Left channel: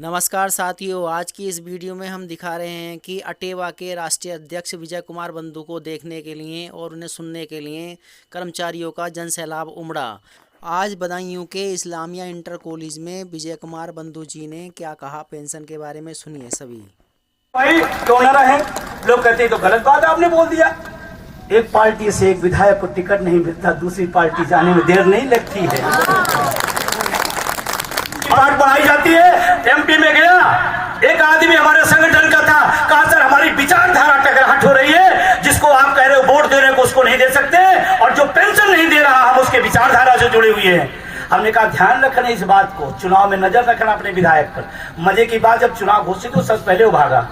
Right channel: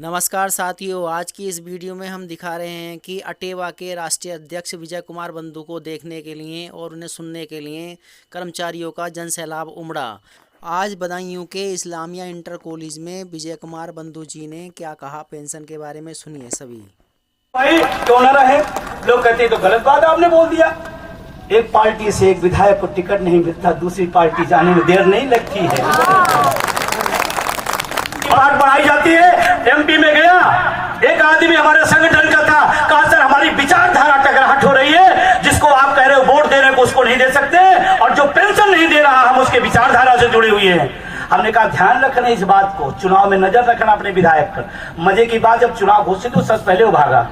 नमस्कार साथियों, आज की इस वीडियो में हम दिखा रहे हैं कि अटेवा के राष्ट्रीय अध्यक्ष विजय कुमार बंधु को देखने के लिए और उन्हें सुनने के लिए कर्मचारियों का जनसैलाब उमड़ा। आज बदायूं के इस्लामिया इंटर कॉलेज में विजय कुमार बंधु जी ने क्या कहा पेंशन के बारे में, सुनिए सभी। भाई क्यों न रहे, लोग कहते तो गलत बात आपने बोल दिया। एक पार्टी से एक विधायक को टिकट नहीं मिलता, दूसरी पार्टी जाने में देर नहीं लगती है। बात बढ़ाई जाती है। एमपी में गया, एक आदमी हमारे संगठन का था, कहा सर हमारी विचारधारा टकराहट हो रही है, जिसको आप कह रहे हो वोट दे रहे हो उसको नहीं दे सकते, और जो पेंशन नहीं दे रहा हम उसके विचारधारा से जुड़े हुए हैं। हमने कहा ध्यान रखना इस बात को, चुनाव में नजर रखना अपने विधायक पर। मजे की बात, जब चुनाव घोषित तो सबसे पहले वो भागा।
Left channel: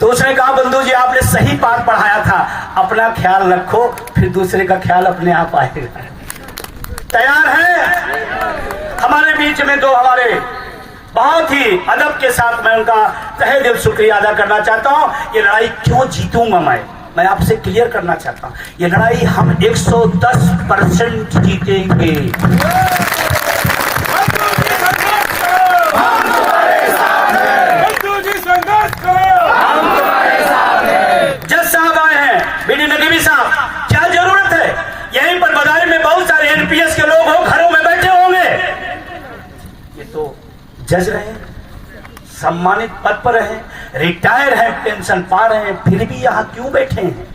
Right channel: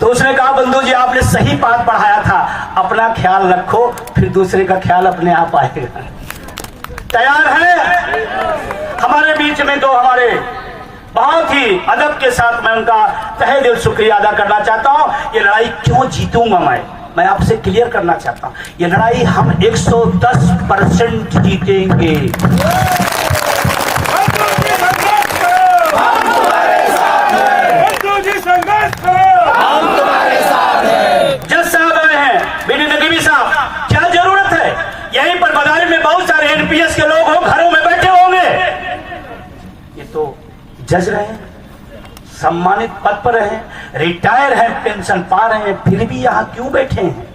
तो उसने कहा बंधु जी आपने सही बात पढ़ाया था, अपना ख्याल रखो फिर दूसरे का ख्याल अपने आप आएगा। तैयार है? हमारे बीच में तो हमारे बहुत ही अदब के साथ मैं उनका तहे दिल शुक्रिया अदा करना चाहता हूं। ये लड़ाई क्यों जीतूंगा मैं आपसे क्लियर करना चाहता हूं। ये लड़ाई हम 110% जीतेंगे। हम तुम्हारे साथ हैं, हम तुम्हारे साथ हैं। जज साहब आए हैं, बीडी नकीबी साहब, क्या जरूरत है? यहीं पर बदायूं में बहुत सारे एनपीएस के लोग हो, घरों में बैठे होंगे। ये तो जज रहे, सम्मानित पद पर रहे, रिटायर हैं, पेंशन पा रहे हैं, फिर भी यहां क्यों बैठे हैं?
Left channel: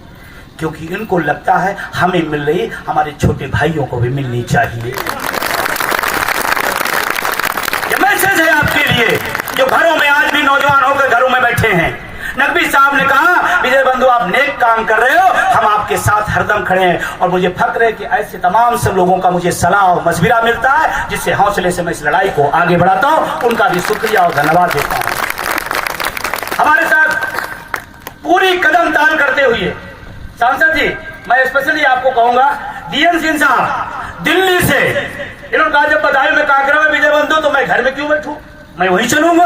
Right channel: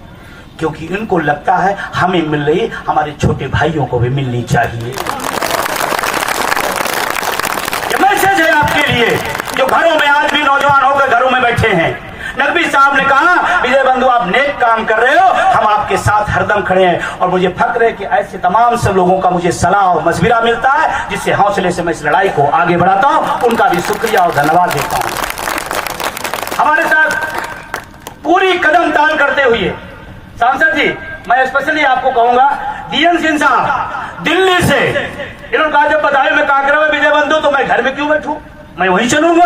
क्योंकि इनको लगता है हमें मिल रही, हमारे छोटे भाइयों को भी मिलनी चाहिए। ये मैसेज है आपके लिए जो घरों में आज भी नौजवान होकर घरों में बैठे हैं। नकवी साहब ने कहा विजय बंधु आप नेक काम कर रहे हो, हम आपके साथ हरदम खड़े हैं, और मुझे फक्र है कि ऐसे तमाम सब लोगों का मुझे सलाह और मशविरा मिलता है, जिससे हौसले से मैं इस लड़ाई को आगे बढ़ाता हूं। उनका भी शुक्रिया और धन्यवाद देता हूं। हमारे साथ पूरी कदम ताल करते हुए सांसद जी, मैं स्पेशली आपको कहूंगा, डीएन सिंह साहब दिल्ली से, इन्होंने कहा जब बदायूं में कार्यक्रम है विजय बंधु तो मैं घर में क्यों बैठूं, मैं वहीं चलूंगा।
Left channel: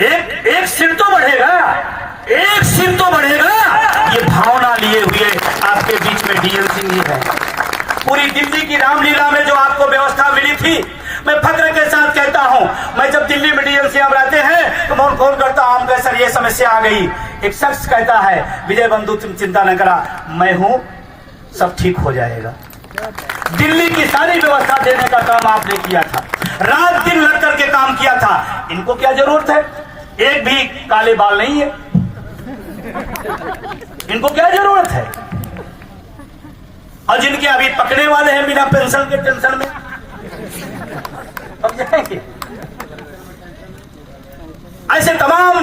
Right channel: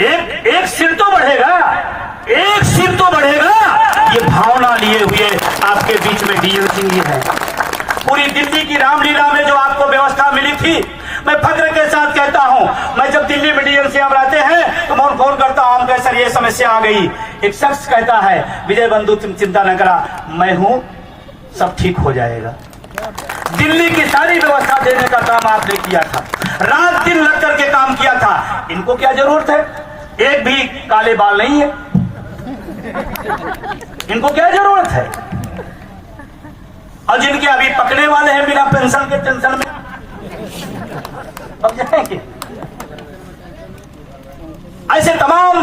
एक सिर तो बढ़ेगा, एक सिर तो बढ़ेगा। ये भावना लिए हुए आपके बीच में डीएन सिंह जी है। पूरी दिल्ली की रामलीला में जो आपको व्यवस्था मिली थी, मैं फक्र के साथ कहता हूं, मैं जब दिल्ली में डीएम सिंह आते हैं तो मैं फोन करता हूं, हम सर ये समस्या आ गई। एक शख्स कहता है विजय बंधु तुम चिंता न करा, मैं हूं, सब ठीक हो जाएगा। दिल्ली की सारी व्यवस्था देने का काम आपने किया था, रात दिन लग करके काम किया था। इनको क्या जरूरत है? एक भी काले बाल नहीं है, इनको क्या जरूरत है? और जिनके अभी पकड़े वाले हैं बिना पेंशन के टेंशन में अब जाएंगे। ऐसे तमाम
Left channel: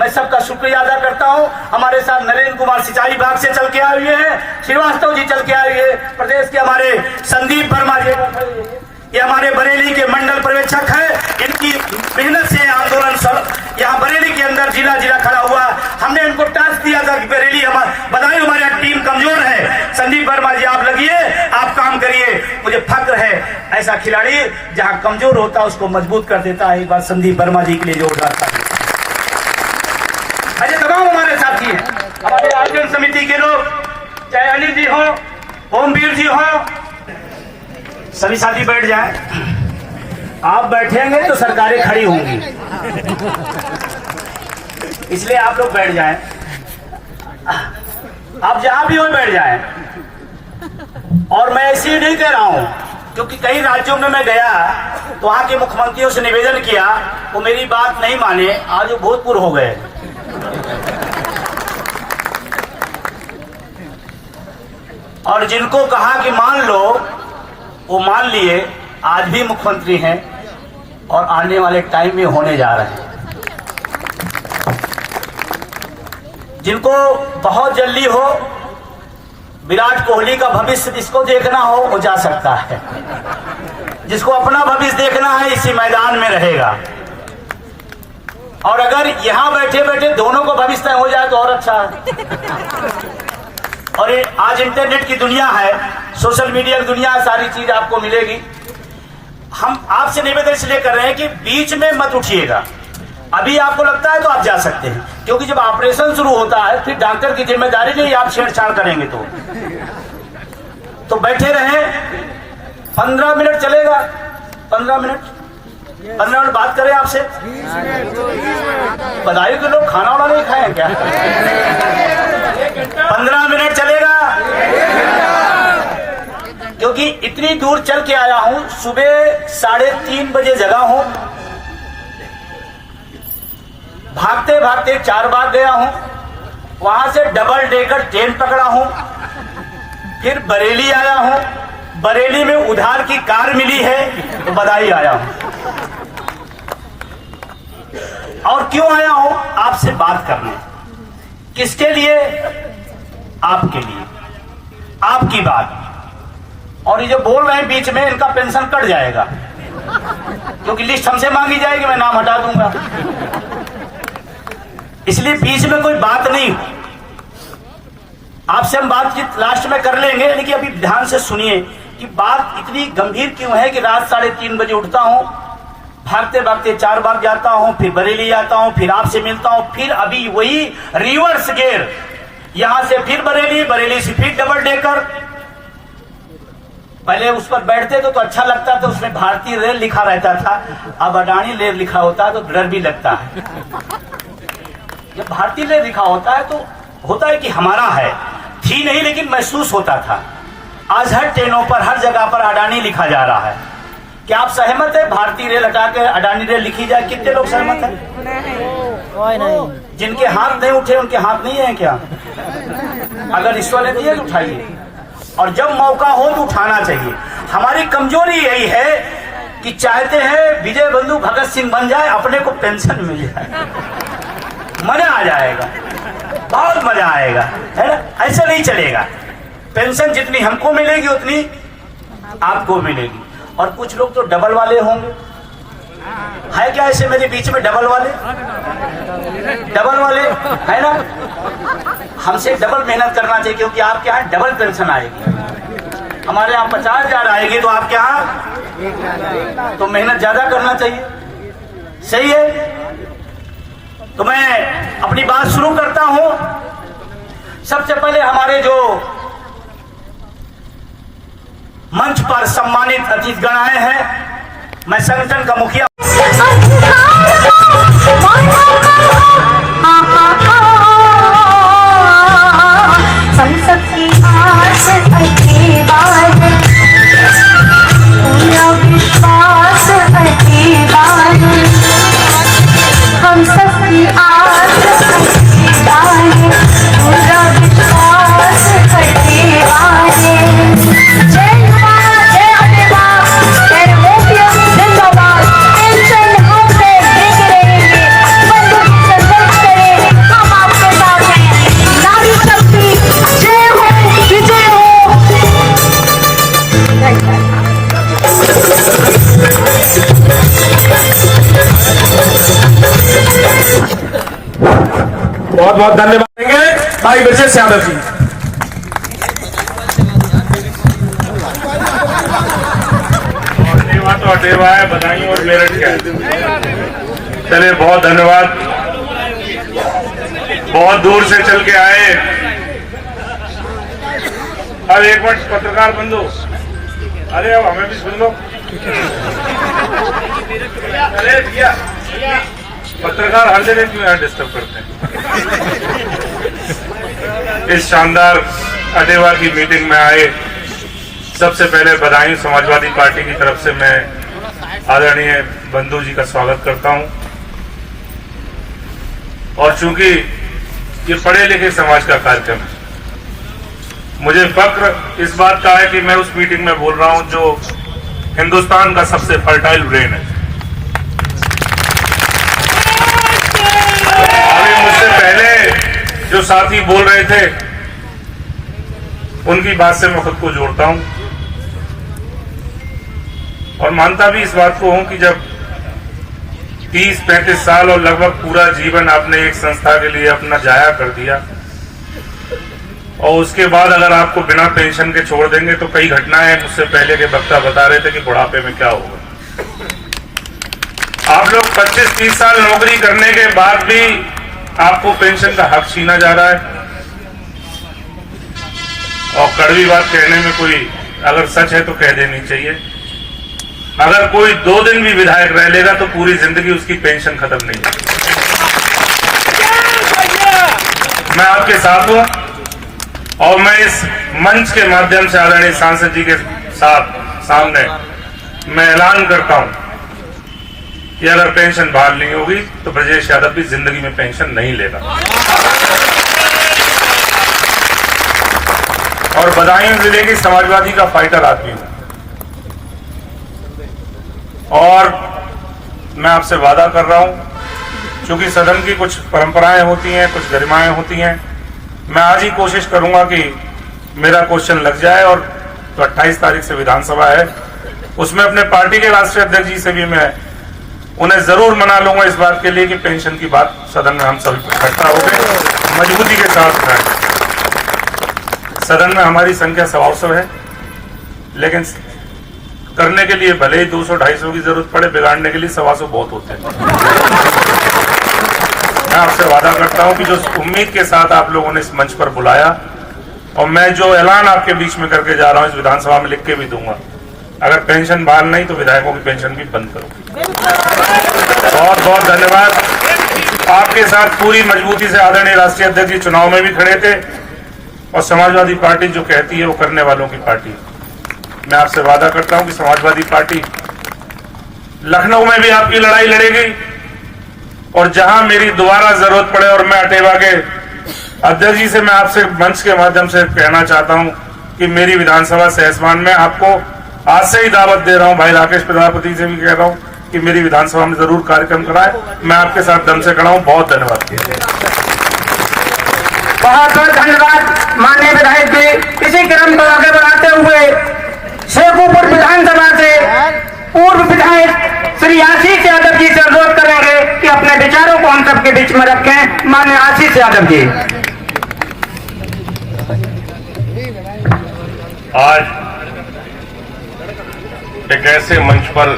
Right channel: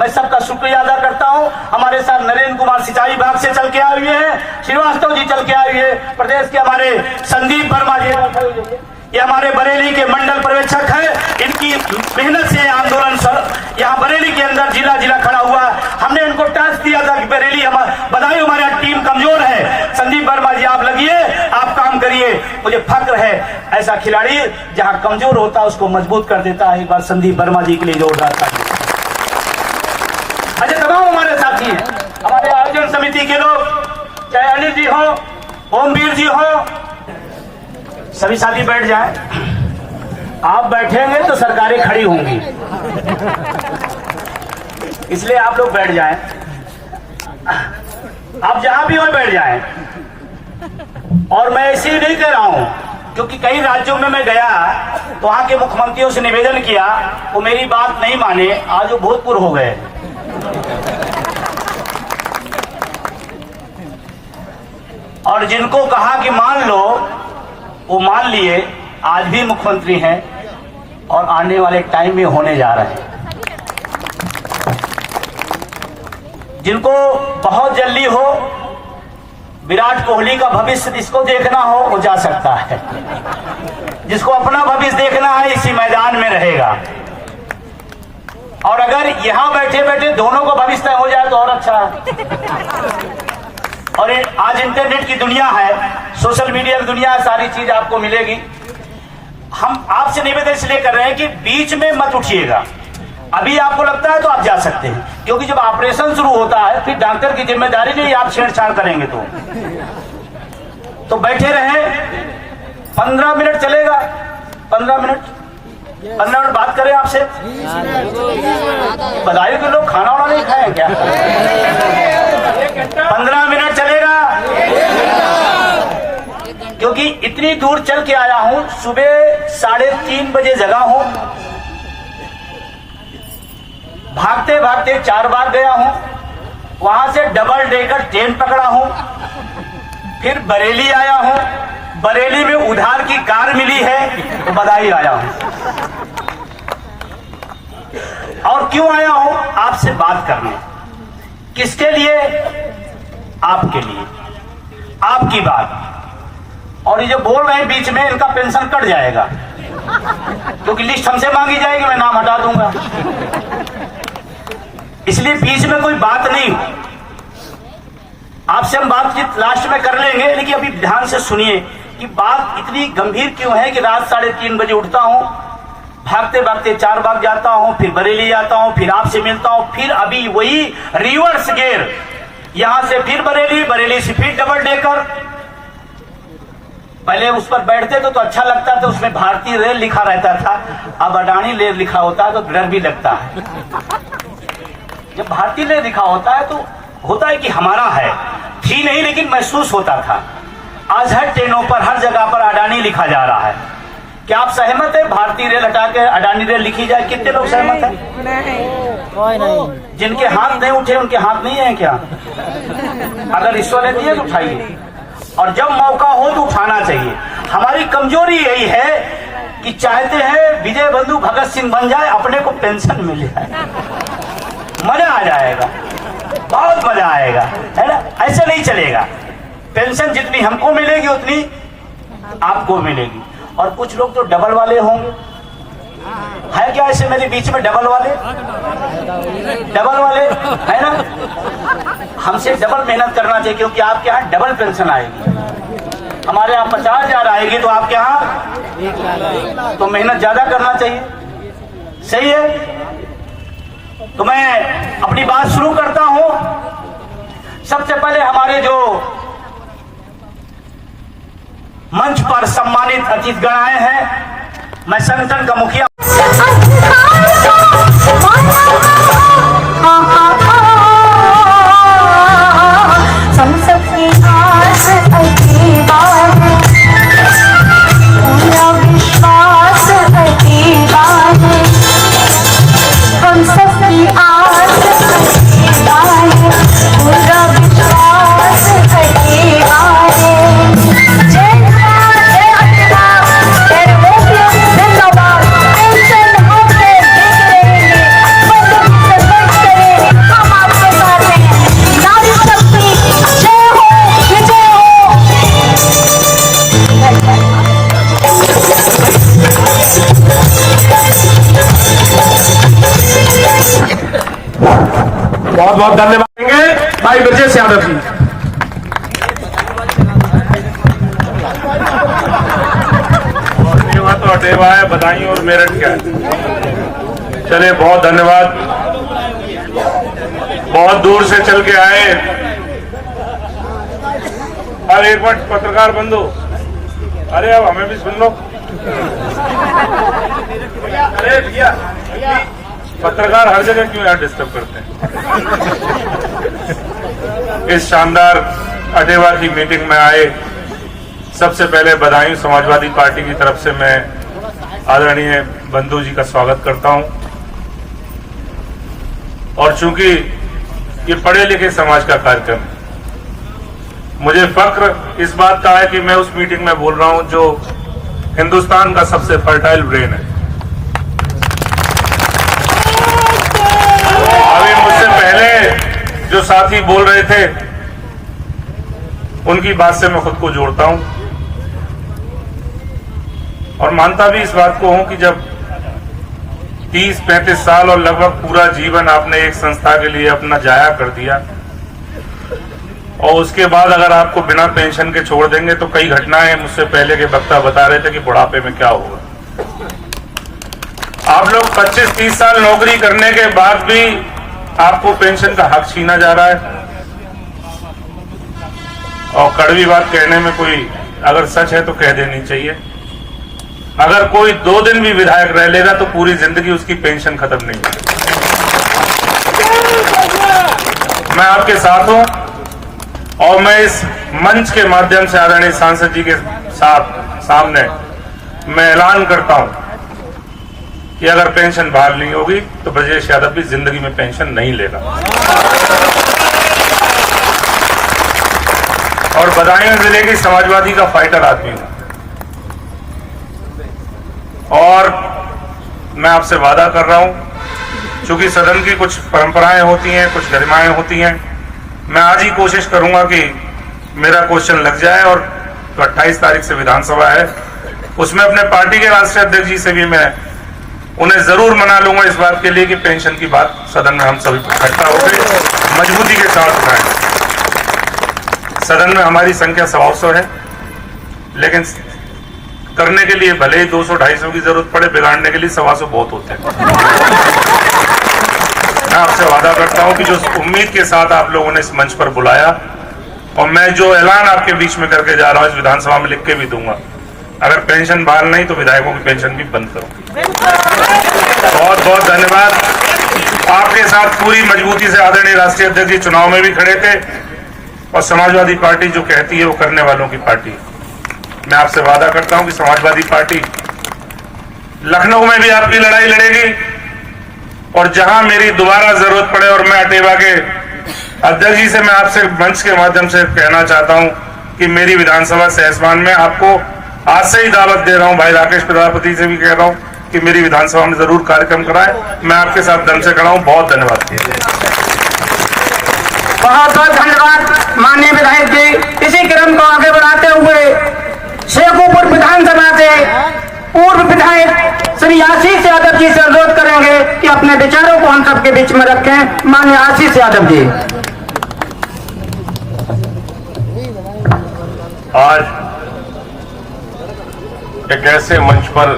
मैं सबका शुक्रिया अदा करता हूं। हमारे साथ नरेंद्र कुमार सिंचाई विभाग से चल के आए हुए हैं, श्रीवास्तव जी चल के आए हुए हैं, प्रदेश के हमारे संदीप वर्मा जी, ये हमारे बरेली के मंडल पर्यवेक्षक है। इनकी मेहनत से आंदोलन यहाँ बरेली के अंदर जिला खड़ा हुआ। हमने इनको टास्क दिया था कि बरेली बदायूं हमारी टीम कमजोर है, संदीप वर्मा जी आप लगिए, आप काम करिए। मुझे फक्र है ऐसा खिलाड़ी जहां कमजोर होता है उसको मजबूत कर देता है। एक बार संदीप वर्मा जी के लिए जोरदार था। ऐसे तमाम हमारे साथी हैं, हमारे आयोजन समिति के लोग, चाहे अनिल जी हो, ओमवीर जी हो, सभी साथी बैठ जाएं। आप बैठेंगे तो सरकारें खड़ी होंगी, इसलिए आप लोग बैठ जाएं। आप जहां भी हो बैठ जाएं। और मैं ऐसे ही नहीं कह रहा हूं, क्योंकि कई राज्यों में मैं गया तो वहां के मुख्यमंत्रियों से निवेदन किया, वो मेरी बात नहीं माने, आज वो भूतपूर्व हो गए। और जिनको कहा कि मान लो वो मान लिए, आज भी मुख्यमंत्री हैं और आने वाले टाइम में होने जा रहे हैं। जिनको बहुत जल्दी हो, विराट कोहली का भविष्य जिसको देखना हो वो जा सकता है, जिसको अपना भविष्य देखना है इसी मैदान में रहेगा। और अगर यहां बैठे बैठे दोनों को भविष्य तय हो जाए तो और अच्छा है। और आज इंटरनेट की दुनिया है, सोशल मीडिया की दुनिया, सारी चीज आपको मिलेगी। हम आपसे निवेदन इसलिए कर रहे हैं कि बीच में मत उठिएगा। अभी आपको लगता है तो आप जा सकते हैं, क्योंकि जब ऑपरेशन शुरू होता है फिर डॉक्टर की जिम्मेदारी नहीं, आप छेड़छाड़ करेंगे तो बैठे रहे। 15 मिनट चलेगा, 15 मिनट 15 मिनट बात करें आपसे। बदायूं के लोग खाना वाना नहीं खाए क्या? 15 मिनट चलेगा? क्योंकि इतनी दूर चल के आया हूं, सुबह 3:30 बजे जगा हूं, भागते भागते 4 बार गया हूं, वहां से डबल डेकर ट्रेन पकड़ा हूं, फिर बरेली आया हूं, बरेली में उधार की कार मिली है तो बधाई आया हूं। और क्यों आया हूं? आपसे बात करने। किसके लिए? आपके लिए, आपकी बात। और ये जो बोल रहे हैं बीच में, इनका पेंशन कट जाएगा, क्योंकि लिस्ट हमसे मांगी जाएगी, मैं नाम हटा दूंगा। इसलिए बीच में कोई बात नहीं। आपसे हम बातचीत लास्ट में कर लेंगे, लेकिन अभी ध्यान से सुनिए कि बात इतनी गंभीर क्यों है कि रात 3:30 बजे उठता हूं, भागते भागते 4 बार जाता हूं, फिर बरेली आता हूं, फिर आपसे मिलता हूं, फिर अभी वही रिवर्स गियर, यहां से फिर बरेली, बरेली से फिर डबल डेकर। पहले उस पर बैठते तो अच्छा लगता था, उसमें भारतीय रेल लिखा रहता था, अब अडानी रेल लिखा होता है तो डर भी लगता है। जब भारतीय रेल लिखा होता है तो होता है कि हमारा है, थी नहीं लेकिन महसूस होता था। आज हर ट्रेनों पर, हर जगह पर अडानी लिखा जा रहा है। क्या आप सहमत है भारतीय रेल हटा के अडानी रेल लिखी जाए? कितने लोग सहमत हैं? कोई नहीं। जिनके हाथ नहीं उठे उनके हाथ नहीं है क्या? अगर ईश्वर ने दिए तो उठाइए, और जब मौका हो तो उठाना चाहिए। हमारी कमजोरी यही है कि चाहते हैं विजय बंधु भगत सिंह बन जाए, अपने को पेंशन मिल जाए, मजा आ जाएगा, बहुत मजा आएगा, है ना? ऐसे नहीं चलेगा। पेंशन जितनी हमको मिलेगी उतनी आपको मिलेगी। और कुछ लोग तो डबल वाले होंगे, है क्या ऐसे मेरे बीच में डबल वाले? डबल वाले है ना? हमसे डबल मेहनत करना चाहिए, क्योंकि आपके यहाँ डबल पेंशन आएगी। हमारे यहाँ 50,000 आएगी, तो आपके यहाँ तो मेहनत ज्यादा करना चाहिए। सही है? तो मैं अपनी बात शुरू करता हूं। सबसे पहले हमारे जो मंच पर सम्मानित अतिथिगण आए हैं, मैं संगठन का मुखिया संसद की आस अति बार, पूरा विश्वास अति बार, हम सबकी आस अति बार, पूरा विश्वास अति बार। जय जवान, जय अभिमान, जय मोदी जिंदाबाद। पेंशन हम पे देते रहेंगे, बंधु की संघर्ष करें, हम आपके साथ हैं। नारी शक्ति जय हो, विजय हो। बहुत बहुत धन्यवाद देंगे भाई ब्रजेश यादव जी। तो अटेवा है, बधाई और मेरठ का। चलिए बहुत धन्यवाद, बहुत दूर से चल के आए। अब एक मिनट पत्रकार बंधु, अरे अब हमें भी सुन लो। अरे भैया, पत्रकार हर जगह क्यों यहाँ डिस्टर्ब करते हैं? इस शानदार अटेवा की मीटिंग में आए, सबसे पहले बदायूं समाजवादी पार्टी की तरफ से मैं आदरणीय बंधु जी का स्वागत करता हूं। और चूंकि ये पढ़े लिखे समाज का कार्यक्रम, मुझे फक्र इस बात का है कि मैं उस मीटिंग में बोल रहा हूं जो हिंदुस्तान का सबसे फर्टाइल ब्रेन है। अभी मुझसे पहले जो साथी बोल रहे थे, उनकी बात से मैं खुद को जोड़ता हूं और मानता भी इस बात को हूं कि जब 30-35 साल और लगभग पूरा जीवन आपने एक संस्था के लिए अपना जाया कर दिया और उसके बाद अगर आपको बिना पेंशन के छोड़ देंगे तो कई घटनाएं मुझसे पहले के वक्ता बता रहे थे कि बुढ़ापे में क्या होगा। आप लोग 25-30 साल नौकरी करने के बाद भी आपको पेंशन का हक छीना जा रहा है। और कड़वी बात कहने में कोई अगर सच है तो कह देनी चाहिए। अगर कोई 2 दिन भी विधायक रह लेगा तो पूरी जिंदगी उसकी पेंशन खत्म नहीं होगी। मैं आपके साथ हूं और मैं इस मंच के माध्यम से आदरणीय सांसद जी के सामने मैं ऐलान करता हूं कि अगर पेंशन बहाल नहीं होगी तो ब्रजेश यादव भी जिंदगी में पेंशन नहीं लेगा। और बदायूं जिले की समाजवादी का फाइटर आदमी हूं और मैं आपसे वादा कर रहा हूं, चूंकि सदन की कुछ परंपराएं होती हैं, कुछ गरिमाएं होती हैं, मैं आज ही कोशिश करूंगा कि मेरा क्वेश्चन लग जाए और तो 28 तारीख से विधानसभा है, उसमें अपने पार्टी के राष्ट्रीय अध्यक्ष जी से भी मैं उन्हें जरूर मना लूंगा इस बात के लिए कि पेंशन की बात सदन में हम सभी इकट्ठा हो गए मजबूती के साथ उठाएं। सदन में हमारी संख्या 100 है, लेकिन करने के लिए भले ही 200-250 की जरूरत पड़े, बिगाड़ने के लिए 125 बहुत होते हैं। मैं आपसे वादा करता हूं कि जो उम्मीद के साथ आप लोगों ने इस मंच पर बुलाया और मैं जो ऐलान आपके बीच में करके जा रहा हूं, इस विधानसभा में लिख के भी दूंगा, अगर पेंशन बहाल नहीं तो विधायकों की पेंशन भी बंद करो। बहुत बहुत धन्यवाद। आपके साथ पूरी मजबूती से आदरणीय राष्ट्रीय अध्यक्ष जी चुनाव में भी खड़े थे और समाजवादी पार्टी जो कहती है वो करने वालों की पार्टी है। मैं आपसे वादा करता हूं कि समाजवादी पार्टी लखनऊ में भी आपकी लड़ाई लड़ेगी और जहां मेरी दोबारा जरूरत पड़े, और मैं अटेवा के अध्यक्ष जी से मैं आपसे मंच के माध्यम से कहना चाहता हूं कि मेरी विधानसभा सहसवान में आपको आज से ही दावत दे रहा हूं, भाई राकेश प्रजापति से भी कह रहा हूं कि मेरी विधानसभा में जरूर कार्यक्रम कराएं। मैं आपके साथ दम से खड़ा हूं। बहुत धन्यवाद। बहुत बहुत धन्यवाद माननीय विधायक जी। इसी क्रम को आगे बढ़ाते हुए शेखोपुर विधानसभा से पूर्व विधायक श्री आशीष यादव जी से अनुरोध करेंगे कि अपने विचारों को हम सबके बीच में रखें। माननीय आशीष यादव जी। आज एक ऐसे मंच पर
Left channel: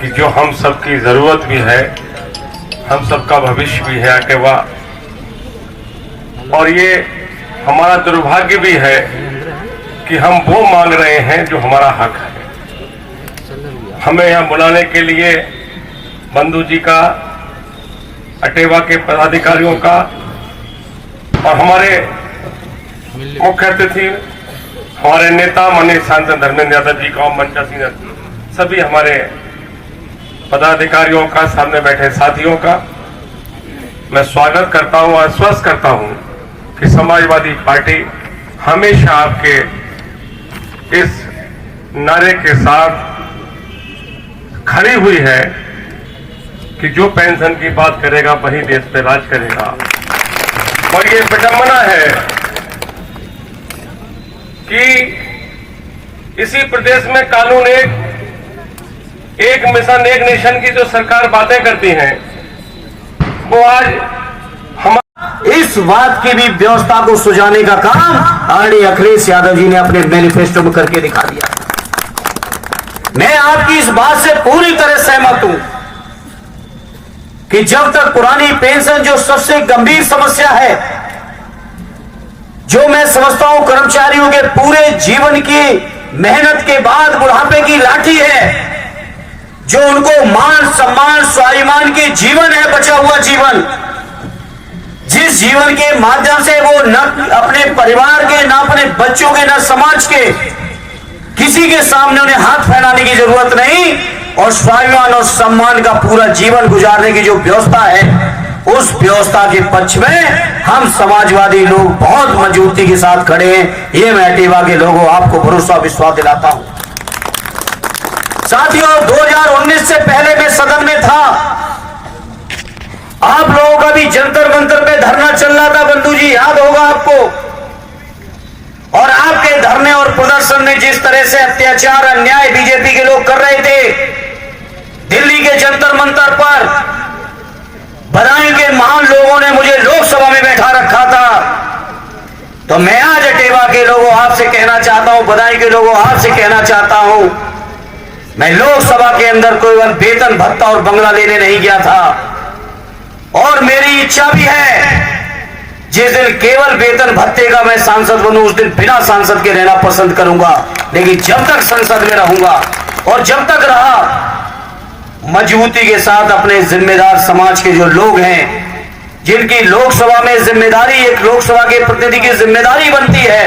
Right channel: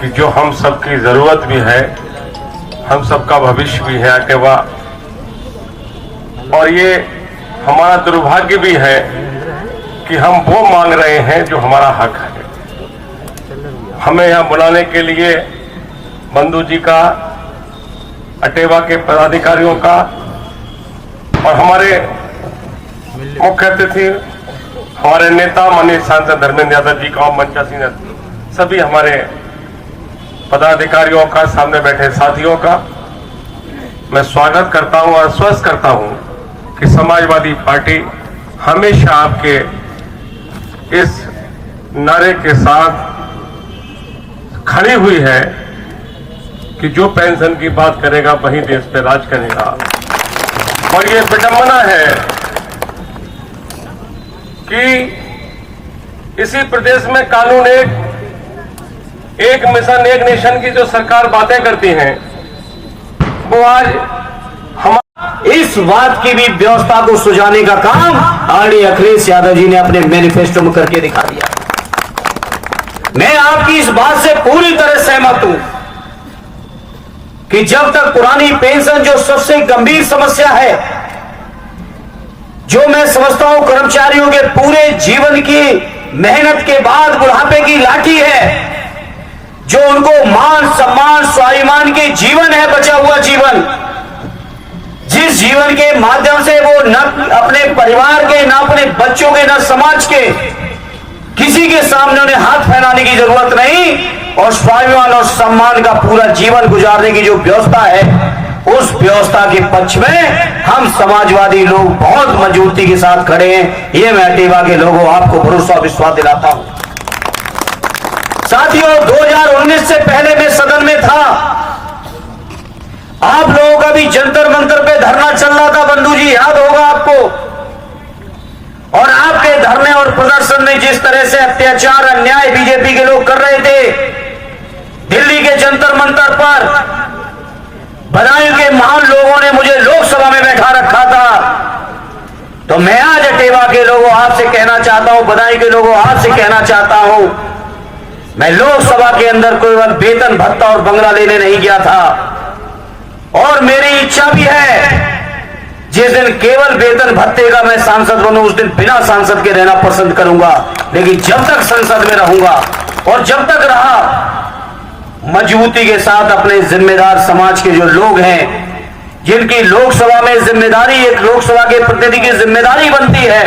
कि जो हम सबकी जरूरत भी है, हम सबका भविष्य भी है अटेवा, और ये हमारा दुर्भाग्य भी है कि हम वो मांग रहे हैं जो हमारा हक है। हमें यहाँ बुलाने के लिए बंधु जी का, अटेवा के पदाधिकारियों का और हमारे मुख्य अतिथि हमारे नेता माननीय सांसद धर्मेंद्र यादव जी का, मंचासीन सभी हमारे पदाधिकारियों का, सामने बैठे साथियों का मैं स्वागत करता हूं और आश्वस्त करता हूं कि समाजवादी पार्टी हमेशा आपके इस नारे के साथ खड़ी हुई है कि जो पेंशन की बात करेगा वही देश पे राज करेगा। और ये विडंबना है कि इसी प्रदेश में कानून एक मिशन एक नेशन की जो सरकार बातें करती है, वो आज हम इस बात की भी व्यवस्था को सुझाने का काम आदरणीय अखिलेश यादव जी ने अपने मैनिफेस्टो में करके दिखा दिया। मैं आपकी इस बात से पूरी तरह सहमत हूं कि जब तक पुरानी पेंशन, जो सबसे गंभीर समस्या है, जो मैं समझता हूं कर्मचारियों के पूरे जीवन की मेहनत के बाद बुढ़ापे की लाठी है, जो उनको मान सम्मान स्वाभिमान के जीवन है, बचा हुआ जीवन, जिस जीवन के माध्यम से वो न अपने परिवार के, न अपने बच्चों के, न समाज के किसी के सामने उन्हें हाथ फैलाने की जरूरत नहीं, और स्वाभिमान और सम्मान का पूरा जीवन गुजारने की जो व्यवस्था है, उस व्यवस्था के पक्ष में हम समाजवादी लोग बहुत मजबूती के साथ खड़े हैं। ये मैं अटेवा के लोगों आपको भरोसा विश्वास दिलाता हूं। साथियों, 2019 से पहले मैं सदन में था। आप लोगों का भी जंतर मंतर पे धरना चल रहा था, बंधु जी, याद होगा आपको। और आपके धरने और प्रदर्शन में जिस तरह से अत्याचार अन्याय बीजेपी के लोग कर रहे थे, दिल्ली के जंतर मंतर पर बदायूं के महान लोगों ने मुझे लोकसभा में बैठा रखा था। तो मैं आज अटेवा के लोगों आपसे कहना चाहता हूं, बदायूं के लोगों आपसे कहना चाहता हूं, मैं लोकसभा के अंदर कोई वेतन भत्ता और बंगला लेने नहीं गया था। और मेरी इच्छा भी है, जिस दिन केवल वेतन भत्ते का मैं सांसद बनूं, उस दिन बिना सांसद के रहना पसंद करूंगा। लेकिन जब तक संसद में रहूंगा और जब तक रहा, मजबूती के साथ अपने जिम्मेदार समाज के जो लोग हैं, जिनकी लोकसभा में जिम्मेदारी, एक लोकसभा के प्रतिनिधि की जिम्मेदारी बनती है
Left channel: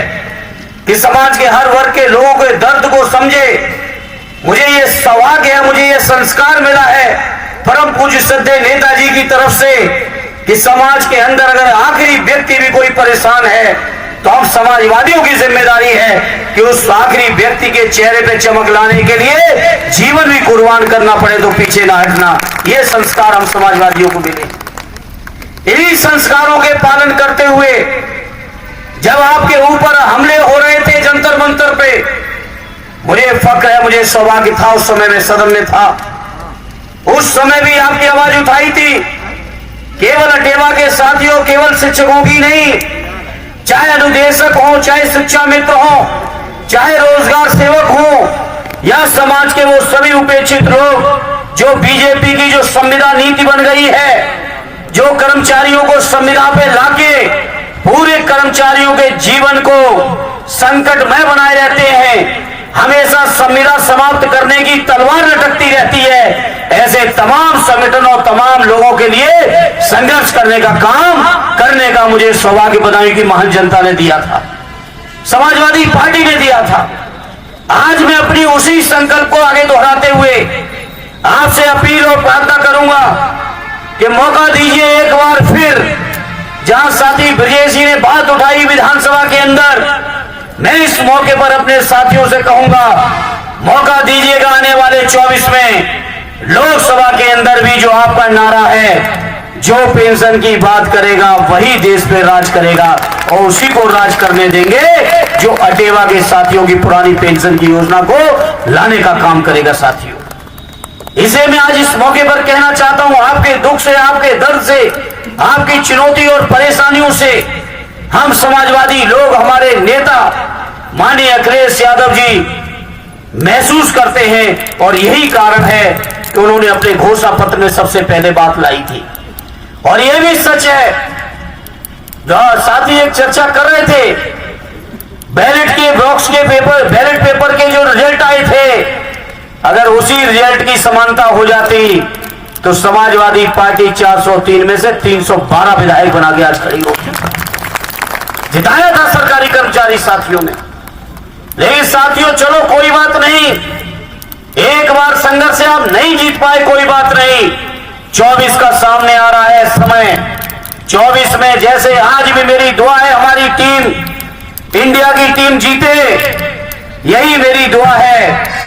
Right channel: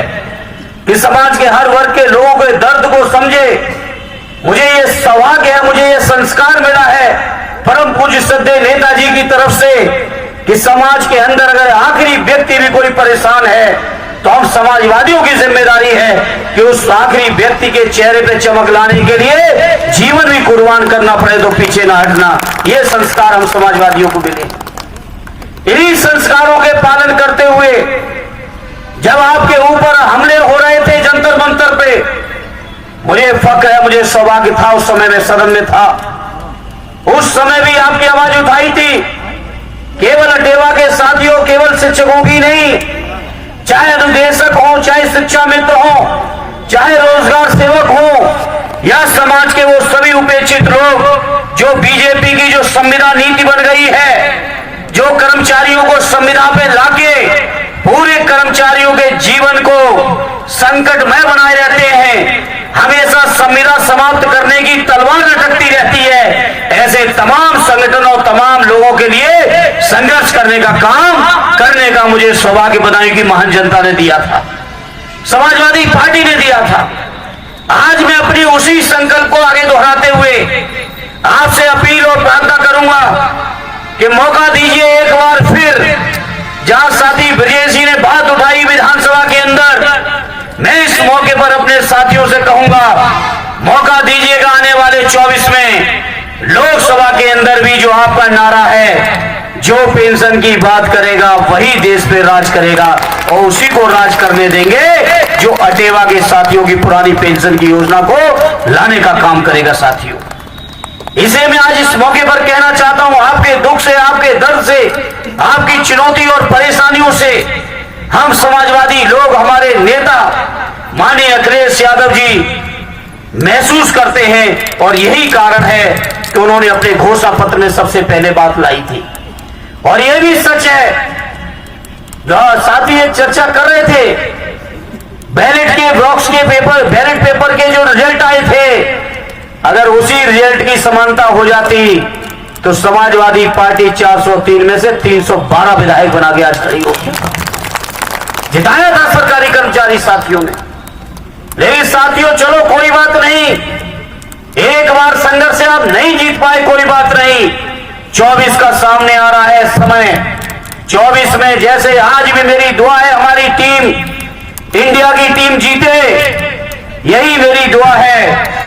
कि समाज के हर वर्ग के लोगों के दर्द को समझे। मुझे ये सौभाग्य है, मुझे ये संस्कार मिला है परम पूज्य श्रद्धेय नेताजी की तरफ से कि समाज के अंदर अगर आखिरी व्यक्ति भी कोई परेशान है तो हम समाजवादियों की जिम्मेदारी है कि उस आखिरी व्यक्ति के चेहरे पे चमक लाने के लिए जीवन भी कुर्बान करना पड़े तो पीछे ना हटना। ये संस्कार हम समाजवादियों को मिले। इन्हीं संस्कारों के पालन करते हुए जब आपके ऊपर हमले हो रहे थे जंतर मंतर पे, मुझे फक्र है, मुझे सौभाग्य था उस समय में सदन में था, उस समय भी आपकी आवाज उठाई थी। केवल अटेवा के साथियों, केवल शिक्षकों की नहीं, चाहे अनुदेशक हो, चाहे शिक्षा मित्र हो, चाहे रोजगार सेवक हो, या समाज के वो सभी उपेक्षित लोग जो बीजेपी की जो संविदा नीति बन गई है, जो कर्मचारियों को संविदा पे लाके पूरे कर्मचारियों के जीवन को संकटमय बनाए रहते हैं, हमेशा संविदा समाप्त करने की तलवार लटकती रहती है, ऐसे तमाम संगठनों और तमाम लोगों के लिए संघर्ष करने का काम करने का मुझे सौभाग्य बनाने की महान जनता ने दिया था, समाजवादी पार्टी ने दिया था। आज मैं अपनी उसी संकल्प को आगे दोहराते हुए आपसे अपील और प्रार्थना करूंगा कि मौका दीजिए एक बार फिर, जहां साथी ब्रजेश जी ने बात उठाई विधानसभा के अंदर, मैं इस मौके पर अपने साथियों से कहूंगा, मौका दीजिएगा आने वाले 24 में लोकसभा के अंदर भी जो आपका नारा है, जो पेंशन की बात करेगा वही देश पे राज करेगा और उसी को राज करने देंगे जो अटेवा के साथियों की पुरानी पेंशन की योजना को लाने का काम करेगा। साथियों, इसे मैं आज इस मौके पर कहना चाहता हूं, आपके दुख से, आपके दर्द से, आपकी चुनौती और परेशानियों से हम समाजवादी लोग, हमारे नेता माननीय अखिलेश यादव जी महसूस करते हैं और यही कारण है कि उन्होंने अपने घोषणा पत्र में सबसे पहले बात लाई थी। और यह भी सच है, साथी एक चर्चा कर रहे थे, बैलेट के बॉक्स के पेपर, बैलेट पेपर के जो रिजल्ट आए थे, अगर उसी रिजल्ट की समानता हो जाती तो समाजवादी पार्टी 403 में से 312 विधायक बना के आज खड़ी होती। जिताया था सरकारी कर्मचारी साथियों ने। लेकिन साथियों चलो कोई बात नहीं, एक बार संघर्ष से आप नहीं जीत पाए, कोई बात नहीं, 24 का सामने आ रहा है समय। 24 में जैसे आज भी मेरी दुआ है हमारी टीम, इंडिया की टीम जीते, यही मेरी दुआ है।